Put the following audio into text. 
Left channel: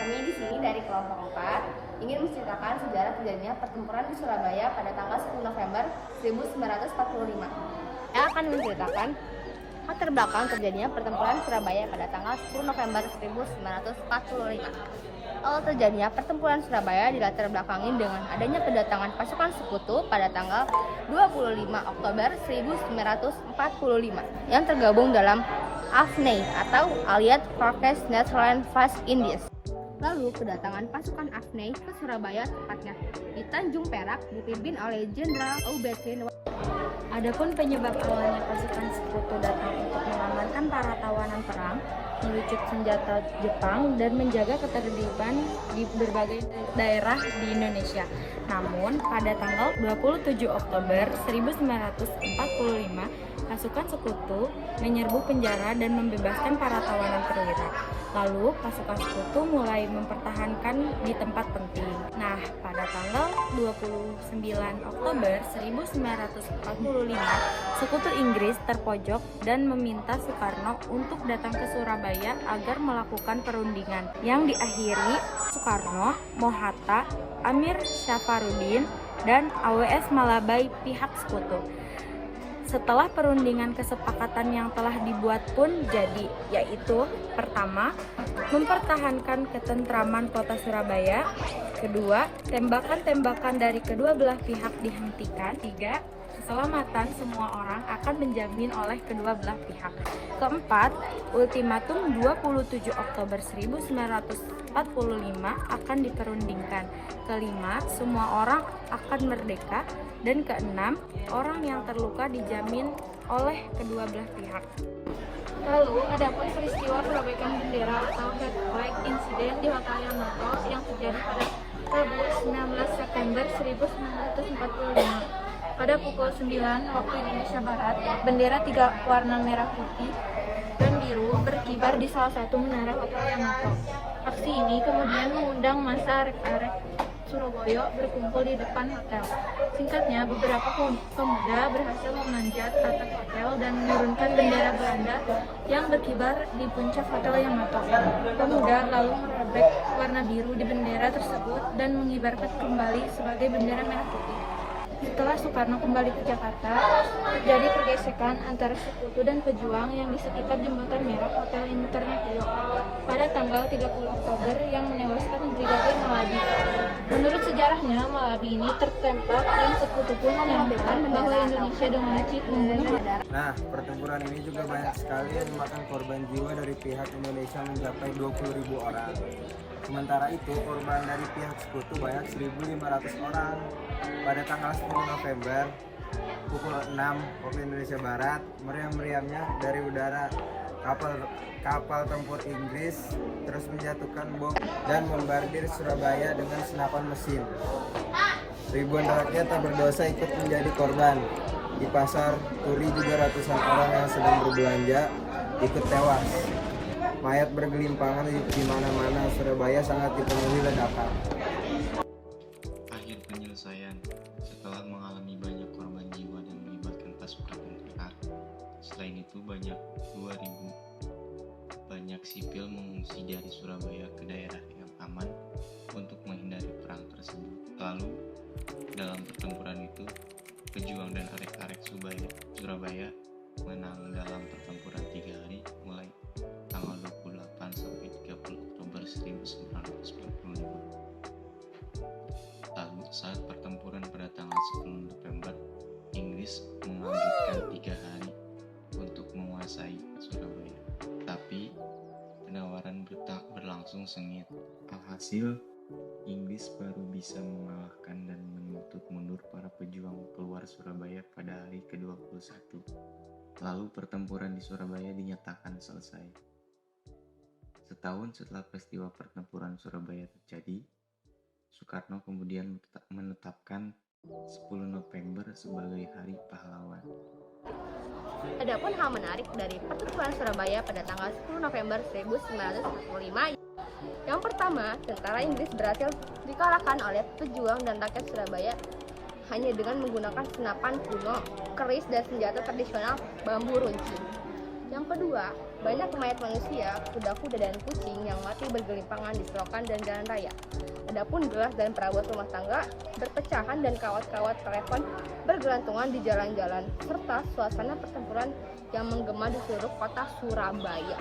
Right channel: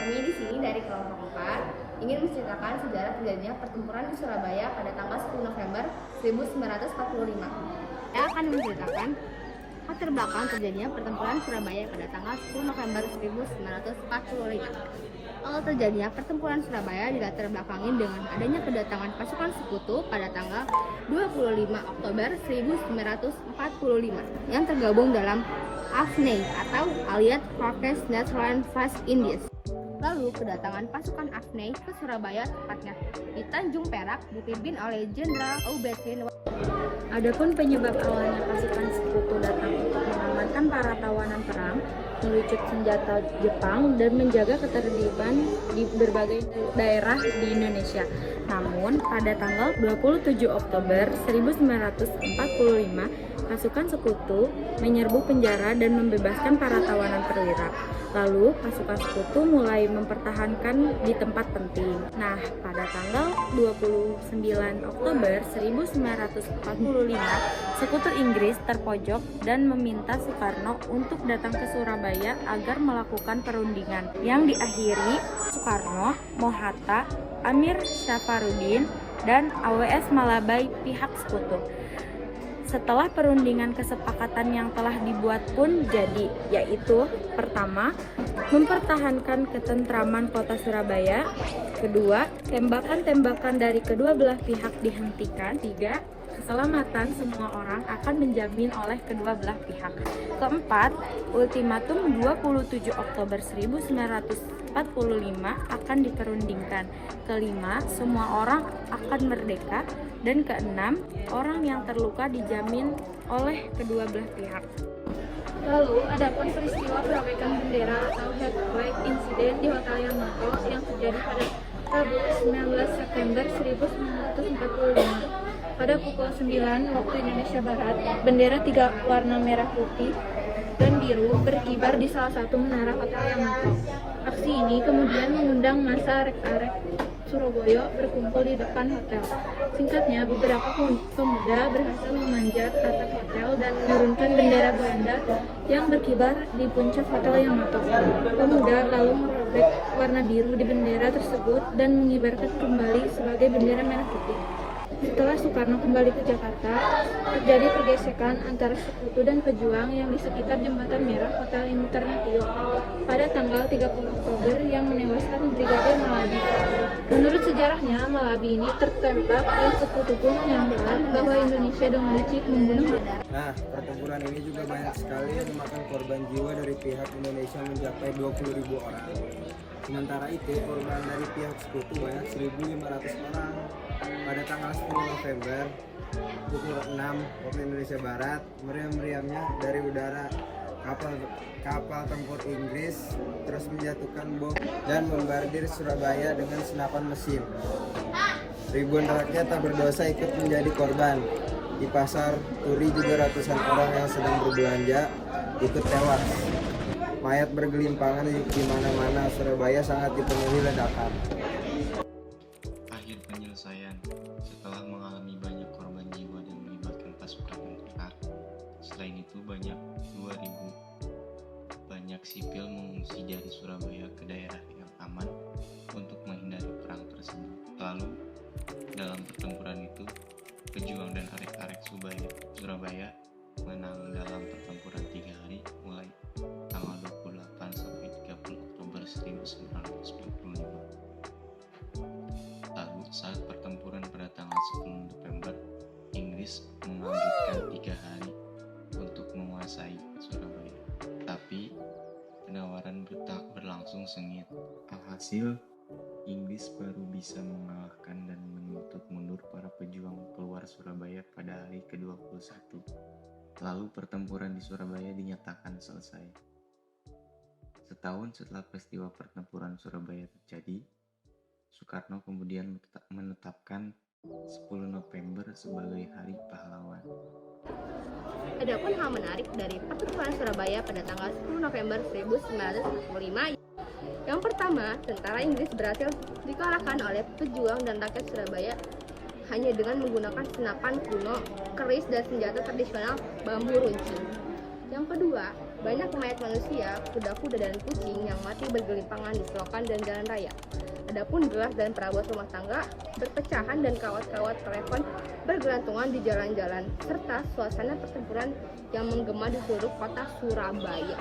Kami di sini dari kelompok 4 ingin menceritakan sejarah terjadinya pertempuran di Surabaya pada tanggal 10 November 1945. Saya akan menceritakan latar belakang terjadinya pertempuran Surabaya pada tanggal 10 November 1945. Awal terjadinya pertempuran Surabaya dilatar belakangi dengan adanya kedatangan pasukan sekutu pada tanggal 25 Oktober 1945 yang tergabung dalam AFNI atau Allied Forces Netherlands West Indies. Lalu kedatangan pasukan AFNI ke Surabaya, tepatnya di Tanjung Perak, dipimpin oleh Jenderal Aubertin. Adapun penyebab awalnya pasukan sekutu datang untuk mengamankan para tawanan perang, melucut senjata Jepang, dan menjaga ketertiban di berbagai daerah di Indonesia. Namun, pada tanggal 27 Oktober 1945, pasukan sekutu menyerbu penjara dan membebaskan para tawanan perwira. Lalu, pasukan sekutu mulai mempertahankan di tempat penting. Nah, pada tanggal 29 Oktober 1945, sekutu Inggris terpojok dan meminta Soekarno untuk datang ke Surabaya agar melakukan perundingan yang diakhiri Soekarno, Mohatta, Amir Safarudin, dan AWS Malabai pihak sekutu. Setelah perundingan, kesepakatan yang telah dibuat pun jadi, yaitu pertama, mempertahankan ketentraman kota Surabaya. Kedua, tembakan-tembakan dari kedua belah pihak dihentikan. Tiga, keselamatan semua orang akan menjamin oleh kedua belah pihak. Keempat, ultimatum 27 Oktober 1945 akan diperundingkan. Kelima, semua orang akan merdeka. Dan keenam, orang yang terluka dijamin oleh kedua belah pihak. Lalu, adapun peristiwa perobekan bendera atau head flag incident di Hotel Yamato yang terjadi pada Rabu 19 September 1945. Pada pukul 9 waktu Indonesia Barat, bendera tiga warna merah, putih, dan biru berkibar di salah satu menara Hotel Yamato. Aksi ini kemudian mengundang massa arek-arek Surabaya berkumpul di depan hotel. Singkatnya, beberapa pemuda berhasil memanjat atap hotel dan menurunkan bendera Belanda yang berkibar di puncak Hotel Yamato. Pemuda lalu merobek warna biru di bendera tersebut dan mengibarkan kembali sebagai bendera merah putih. Setelah Soekarno kembali ke Jakarta, terjadi pergesekan antara sekutu dan pejuang yang di sekitar Jembatan Merah Hotel International pada tanggal 30 Oktober yang menewaskan Brigadir Malabi. Menurut sejarahnya, Malabi ini tertembak dan sekutu pun menyangkakan bahwa Indonesia dengan licik membunuh. Nah, pertempuran ini juga banyak sekali yang memakan korban jiwa dari pihak Indonesia mencapai 20.000 orang. Sementara itu, korban dari pihak sekutu banyak 1.500 orang. Pada tanggal 10 November, pukul 6 waktu Indonesia Barat, meriam-meriamnya dari udara kapal tempur Inggris terus menjatuhkan bom dan membardir Surabaya dengan senapan mesin. Ribuan rakyat tak berdosa ikut menjadi korban. Di pasar Turi juga ratusan orang yang sedang berbelanja ikut tewas. Mayat bergelimpangan di mana-mana. Surabaya sangat dipenuhi ledakan. Akhir penyelesaian setelah mengalami banyak korban jiwa dan melibatkan pasukan tentara. Selain itu banyak sipil mengungsi dari Surabaya ke daerah yang aman untuk menghindari perang tersebut. Lalu dalam pertempuran itu, pejuang dan arek-arek Surabaya menang dalam pertempuran 3 hari mulai tanggal 28 sampai 30 Oktober 1945. Lalu saat pertempuran pada tanggal 10 November, Inggris mengambilkan 3 hari untuk menguasai Surabaya. Tapi penawaran berlangsung sengit. Alhasil, Inggris baru bisa mengalahkan dan menuntut mundur para pejuang keluar Surabaya pada hari ke-21. Lalu pertempuran di Surabaya dinyatakan selesai. Setahun setelah peristiwa pertempuran Surabaya terjadi, Soekarno kemudian menetapkan 10 November sebagai Hari Pahlawan. Adapun hal menarik dari pertempuran Surabaya pada tanggal 10 November 1945. Yang pertama, tentara Inggris berhasil dikalahkan oleh pejuang dan rakyat Surabaya hanya dengan menggunakan senapan kuno, keris, dan senjata tradisional bambu runcing. Yang kedua, Banyak mayat manusia, kuda-kuda dan kucing yang mati bergelimpangan di selokan dan jalan raya. Adapun gelas dan perabot rumah tangga berpecahan dan kawat-kawat telepon bergelantungan di jalan-jalan, serta suasana pertempuran yang menggema di seluruh kota Surabaya.